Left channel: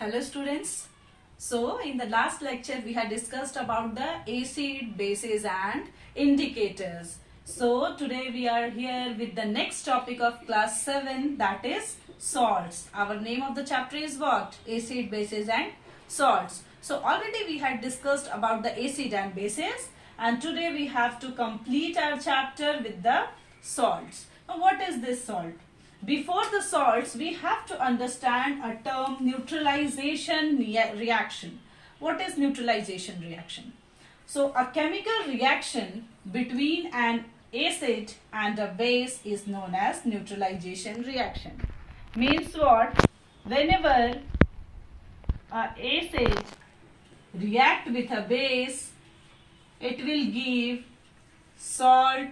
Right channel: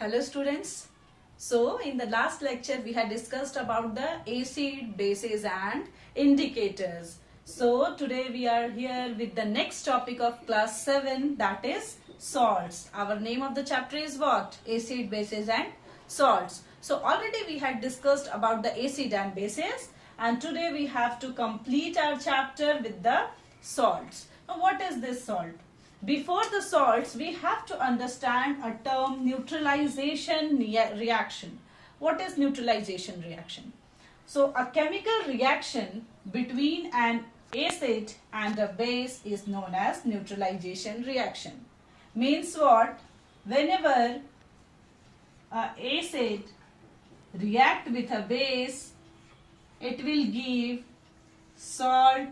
Hello students. So in the last lecture we had discussed about the acid, bases and indicators. So today we are here with the next topic of class 7, that is salts. Our name of the chapter is what? Acid, bases and salts. So already we had discussed about the acid and bases, and today we have to complete our chapter with the salts. Now what is this salt? Before the salts, we have to understand a term, neutralization reaction. What is neutralization reaction? So a chemical reaction between an acid and a base is known as neutralization reaction. Means what? Whenever an acid react with a base, it will give salt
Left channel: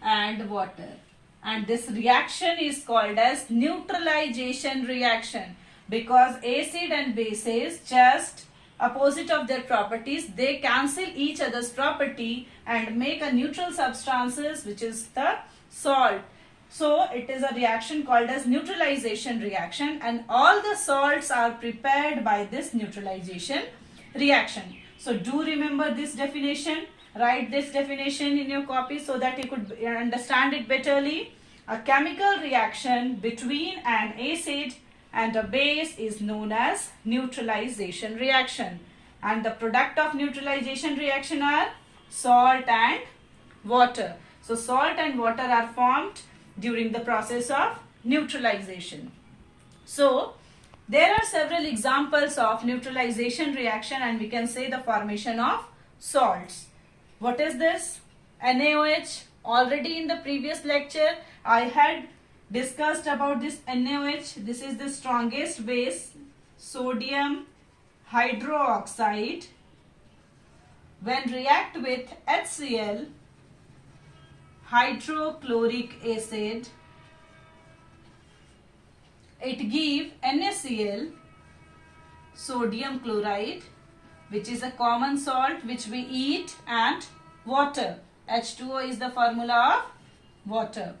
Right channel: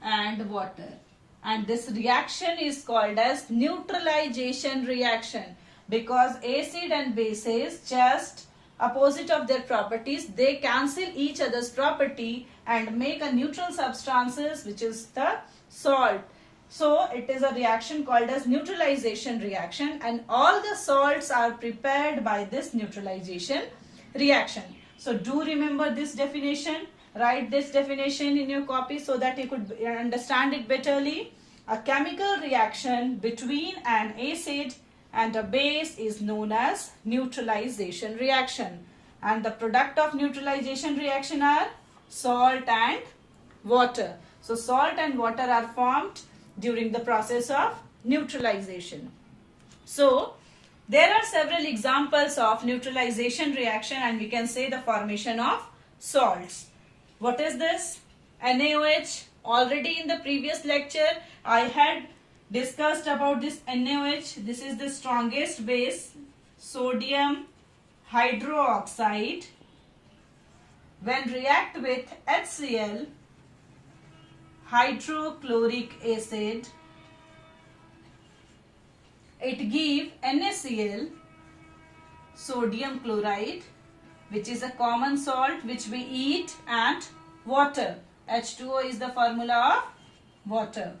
and water. And this reaction is called as neutralization reaction, because acid and bases just opposite of their properties, they cancel each other's property and make a neutral substances, which is the salt. So it is a reaction called as neutralization reaction, and all the salts are prepared by this neutralization reaction. So do remember this definition. Write this definition in your copy so that you could understand it betterly. A chemical reaction between an acid and a base is known as neutralization reaction. And the product of neutralization reaction are salt and water. So salt and water are formed during the process of neutralization. So there are several examples of neutralization reaction, and we can say the formation of salts. What is this? NaOH. Already in the previous lecture, I had discussed about this NaOH. This is the strongest base, sodium hydroxide. When react with HCl, hydrochloric acid, it give NaCl, sodium chloride, which is a common salt which we eat, and water. H2O is the formula of water.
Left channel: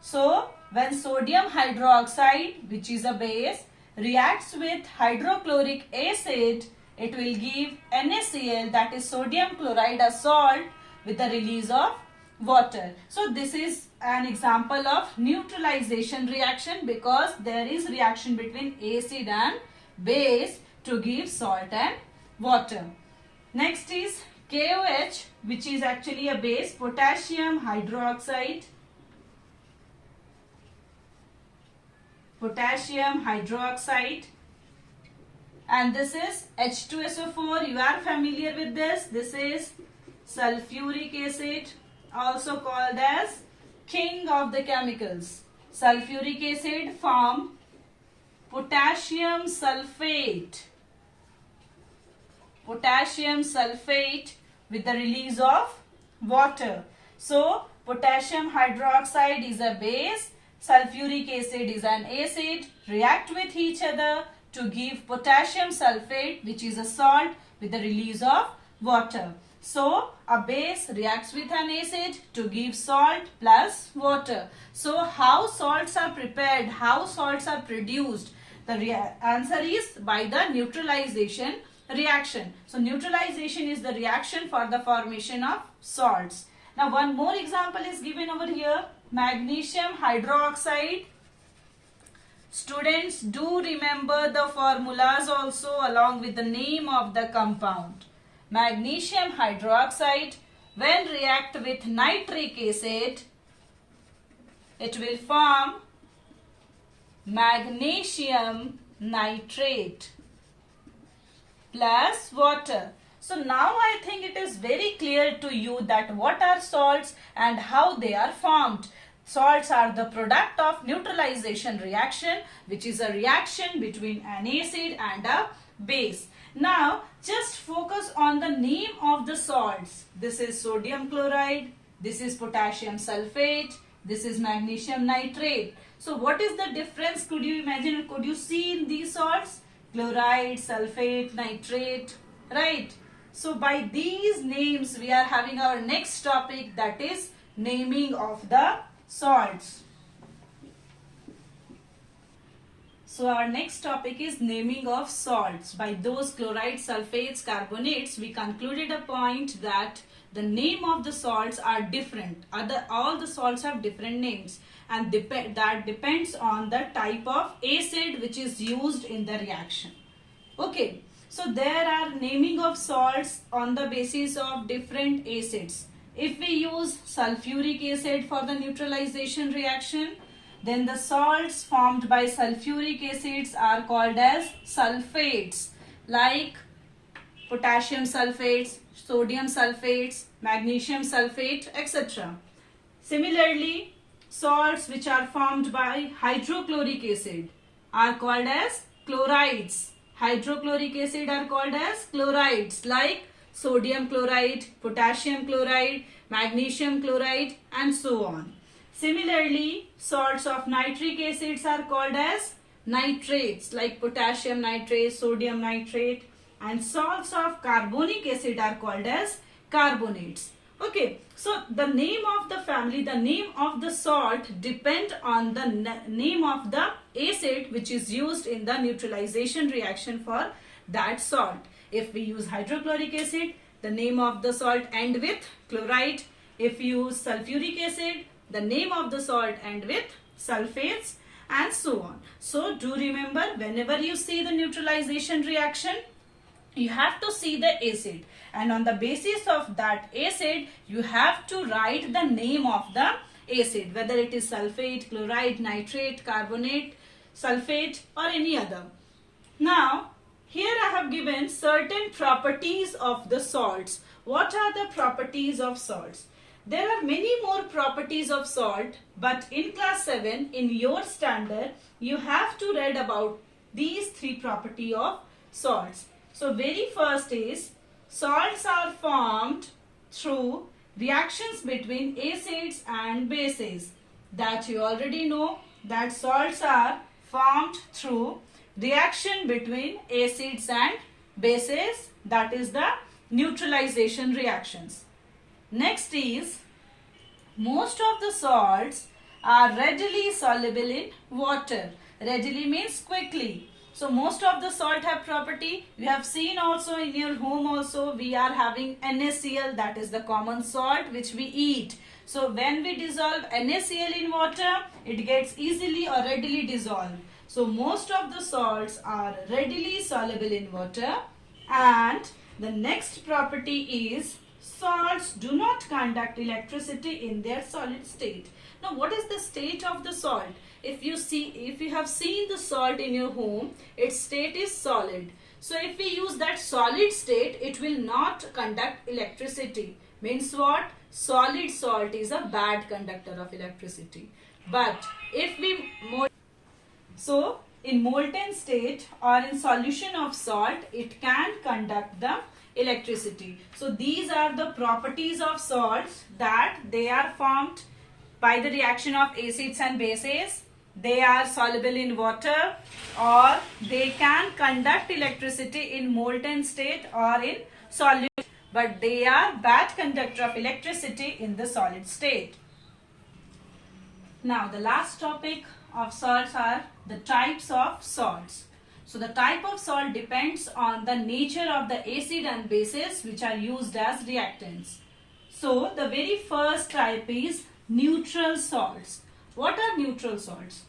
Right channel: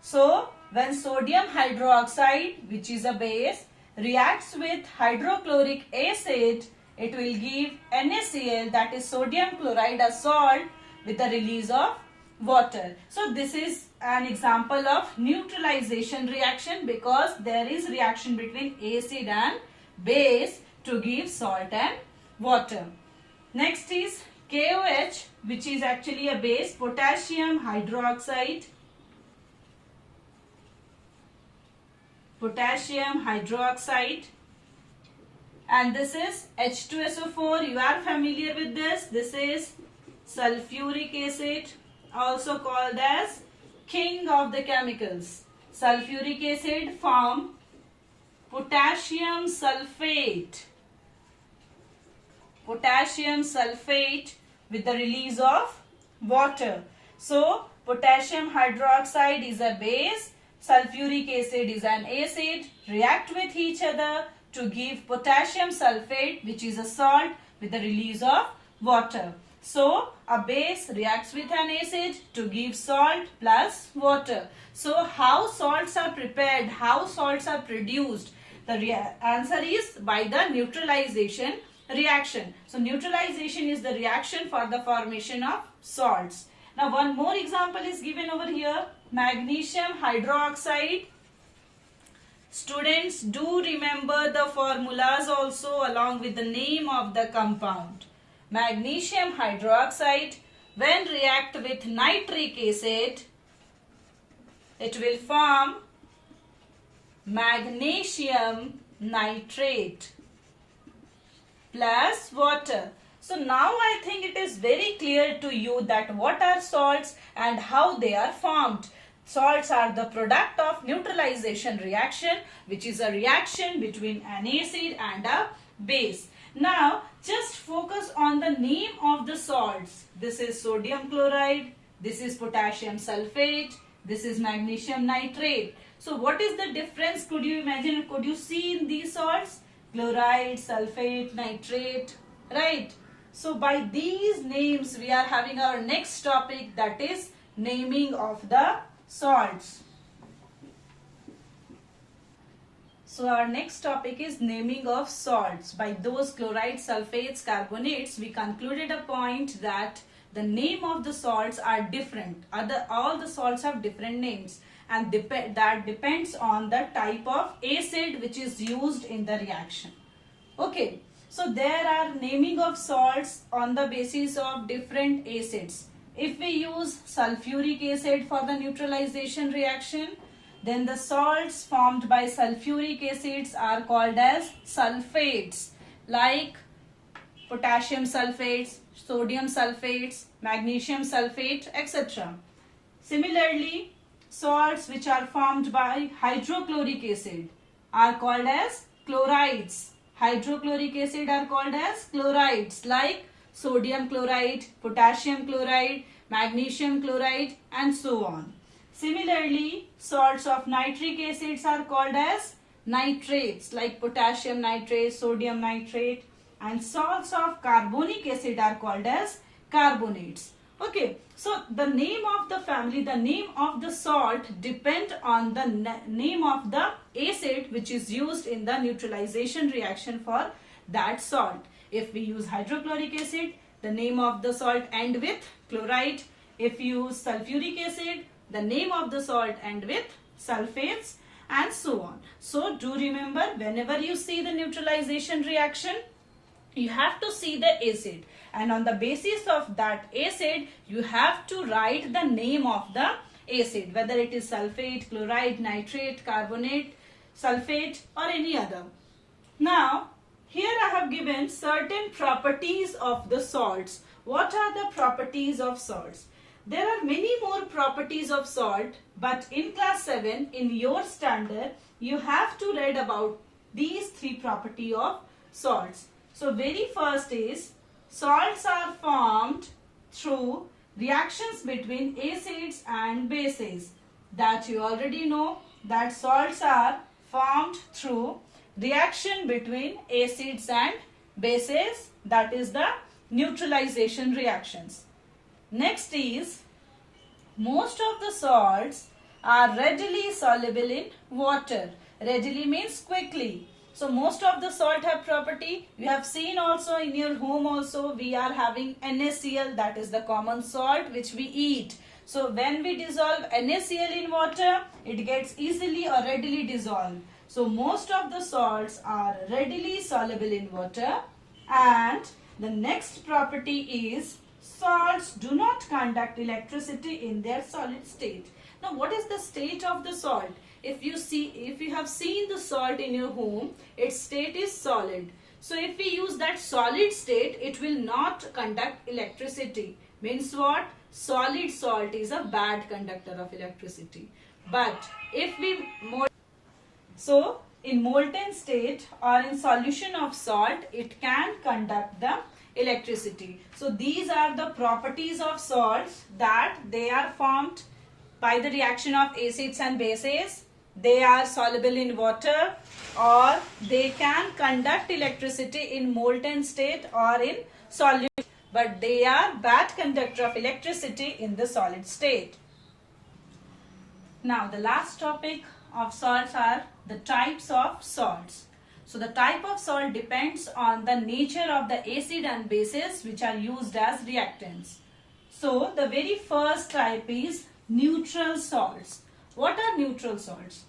So when sodium hydroxide, which is a base, reacts with hydrochloric acid, it will give NaCl, that is sodium chloride, a salt, with the release of water. So this is an example of neutralization reaction, because there is reaction between acid and base to give salt and water. Next is KOH, which is actually a base, potassium hydroxide. Potassium hydroxide. And this is H2SO4. You are familiar with this. This is sulfuric acid, also called as king of the chemicals. Sulfuric acid form potassium sulfate. Potassium sulfate with the release of water. So potassium hydroxide is a base, sulfuric acid is an acid, react with each other to give potassium sulfate, which is a salt, with the release of water. So a base reacts with an acid to give salt plus water. So how salts are prepared, how salts are produced? The answer is by the neutralization reaction. So neutralization is the reaction for the formation of salts. Now one more example is given over here, magnesium hydroxide. Students, do remember the formulas also along with the name of the compound. Magnesium hydroxide, when react with nitric acid, it will form magnesium nitrate plus water. So now I think it is very clear to you that what are salts and how they are formed. Salts are the product of neutralization reaction, which is a reaction between an acid and a base. Now just focus on the name of the salts. This is sodium chloride, this is potassium sulfate, this is magnesium nitrate. So what is the difference? Could you imagine, could you see in these salts? Chloride, sulfate, nitrate, right? So by these names we are having our next topic, that is naming of the salts. So our next topic is naming of salts. By those chlorides, sulfates, carbonates, we concluded a point that the name of the salts are different. All the salts have different names, and that depends on the type of acid which is used in the reaction. Okay, so there are naming of salts on the basis of different acids. If we use sulfuric acid for the neutralization reaction, then the salts formed by sulfuric acids are called as sulfates, like potassium sulfates, sodium sulfates, magnesium sulfate, etc. Similarly, salts which are formed by hydrochloric acid are called as chlorides. Hydrochloric acid are called as chlorides, like sodium chloride, potassium chloride, magnesium chloride, and so on. Similarly, salts of nitric acids are called as nitrates, like potassium nitrate, sodium nitrate, and salts of carbonic acid are called as carbonates. Okay, so the name of the family, the name of the salt depend on the name of the acid which is used in the neutralization reaction for that salt. If we use hydrochloric acid, the name of the salt end with chloride. If you use sulfuric acid, the name of the salt end with sulfates, and so on. So do remember, whenever you see the neutralization reaction, you have to see the acid, and on the basis of that acid you have to write the name of the acid, whether it is sulfate, chloride, nitrate, carbonate, sulfate, or any other. Now here I have given certain properties of the salts. What are the properties of salts? There are many more properties of salt, but in class 7 in your standard you have to read about these three properties of salts. So very first is, salts are formed through reactions between acids and bases. That you already know, that salts are formed through reaction between acids and bases, that is the neutralization reactions. Next is, most of the salts are readily soluble in water. Readily means quickly. So most of the salt have property. You have seen also in your home also we are having NaCl, that is the common salt which we eat. So when we dissolve NaCl in water, it gets easily or readily dissolved. So most of the salts are readily soluble in water. And the next property is, salts do not conduct electricity in their solid state. Now what is the state of the salt? If you have seen the salt in your home, its state is solid. So if we use that solid state, it will not conduct electricity. Means what? Solid salt is a bad conductor of electricity. But if we in molten state or in solution of salt, it can conduct the electricity. So these are the properties of salts, that they are formed by the reaction of acids and bases. They are soluble in water, or they can conduct electricity in molten state or in solid, but they are bad conductor of electricity in the solid state. Now the last topic of salts are the types of salts. So the type of salt depends on the nature of the acid and bases which are used as reactants. So the very first type is neutral salts. What are neutral salts?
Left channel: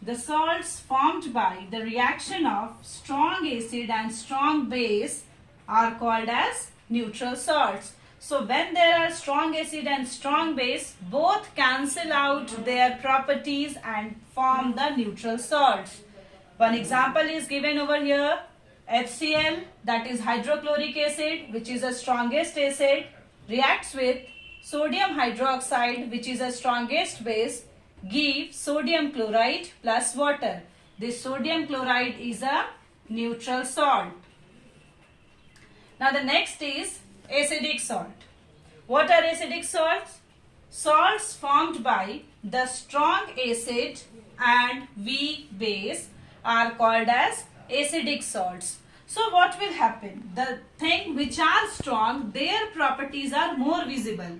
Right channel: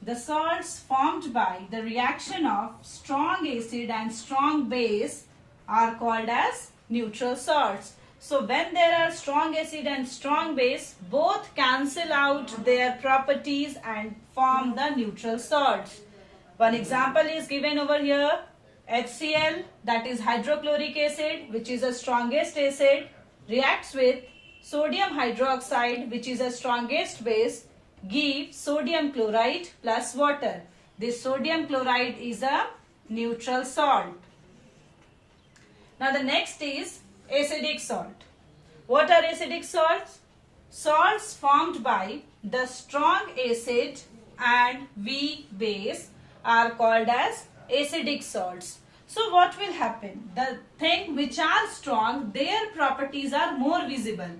The salts formed by the reaction of strong acid and strong base are called as neutral salts. So when there are strong acid and strong base, both cancel out their properties and form the neutral salts. One example is given over here. HCl, that is hydrochloric acid, which is the strongest acid, reacts with sodium hydroxide, which is the strongest base, give sodium chloride plus water. This sodium chloride is a neutral salt. Now the next is acidic salt. What are acidic salts? Salts formed by the strong acid and weak base are called as acidic salts. So what will happen? The thing which are strong, their properties are more visible.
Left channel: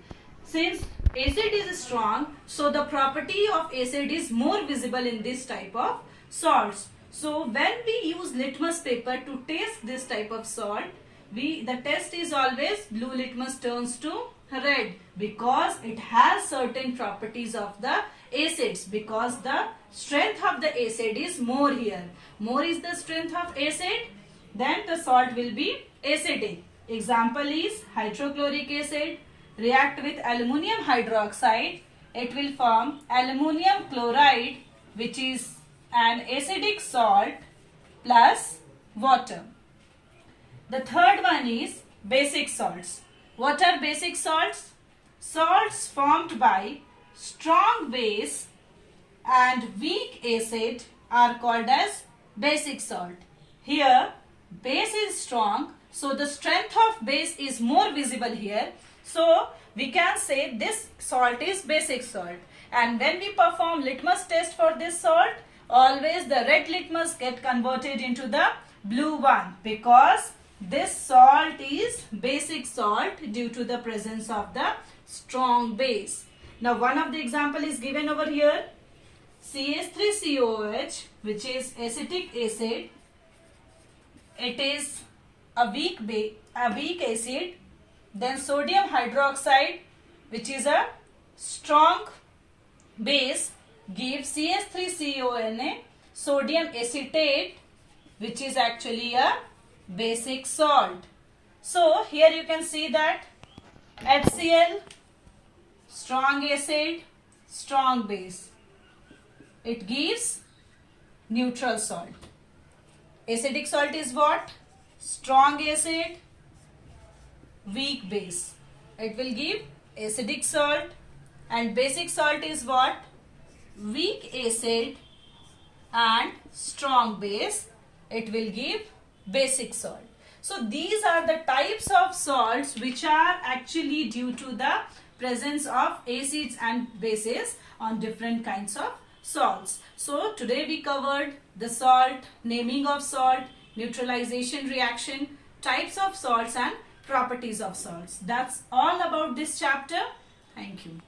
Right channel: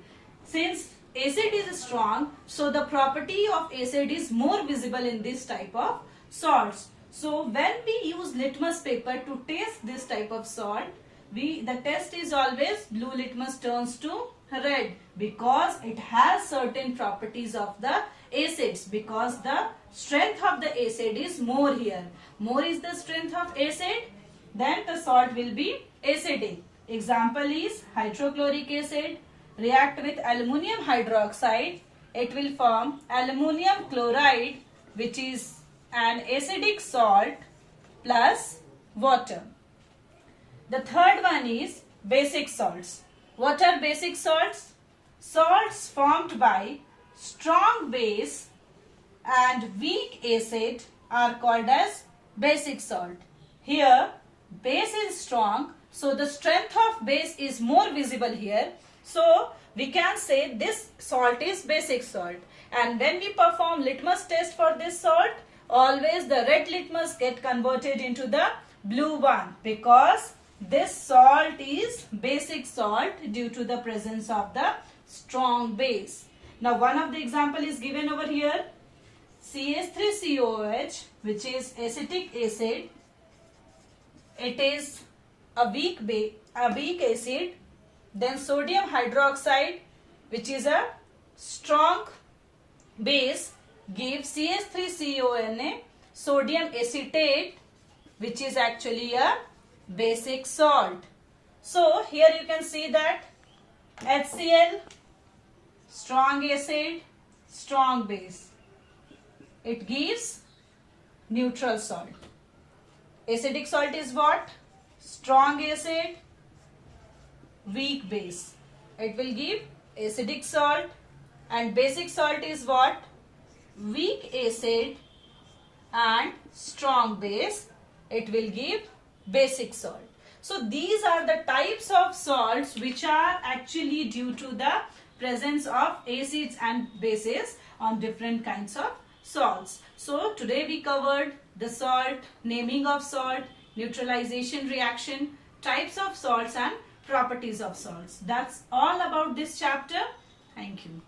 Since acid is strong, so the property of acid is more visible in this type of salts. So when we use litmus paper to taste this type of salt, the test is always blue litmus turns to red because it has certain properties of the acids, because the strength of the acid is more here. More is the strength of acid, then the salt will be acidic. Example is hydrochloric acid react with aluminum hydroxide. It will form aluminum chloride, which is an acidic salt plus water. The third one is basic salts. What are basic salts? Salts formed by strong base and weak acid are called as basic salt. Here base is strong, so the strength of base is more visible here. So we can say this salt is basic salt. And when we perform litmus test for this salt, always the red litmus get converted into the blue one because this salt is basic salt due to the presence of the strong base. Now one of the example is given over here. CH3COOH, which is acetic acid. It is a weak acid. Then sodium hydroxide, which is a strong base, gives CH3CONA, sodium acetate, which is actually a basic salt. So here you can see that HCl, strong acid, strong base. It gives neutral salt. Acidic salt is what? Strong acid, weak base. It will give acidic salt. And basic salt is what? Weak acid and strong base. It will give basic salt. So these are the types of salts which are actually due to the presence of acids and bases on different kinds of salts. So today we covered the salt, naming of salt, neutralization reaction, types of salts and properties of salts. That's all about this chapter. Thank you.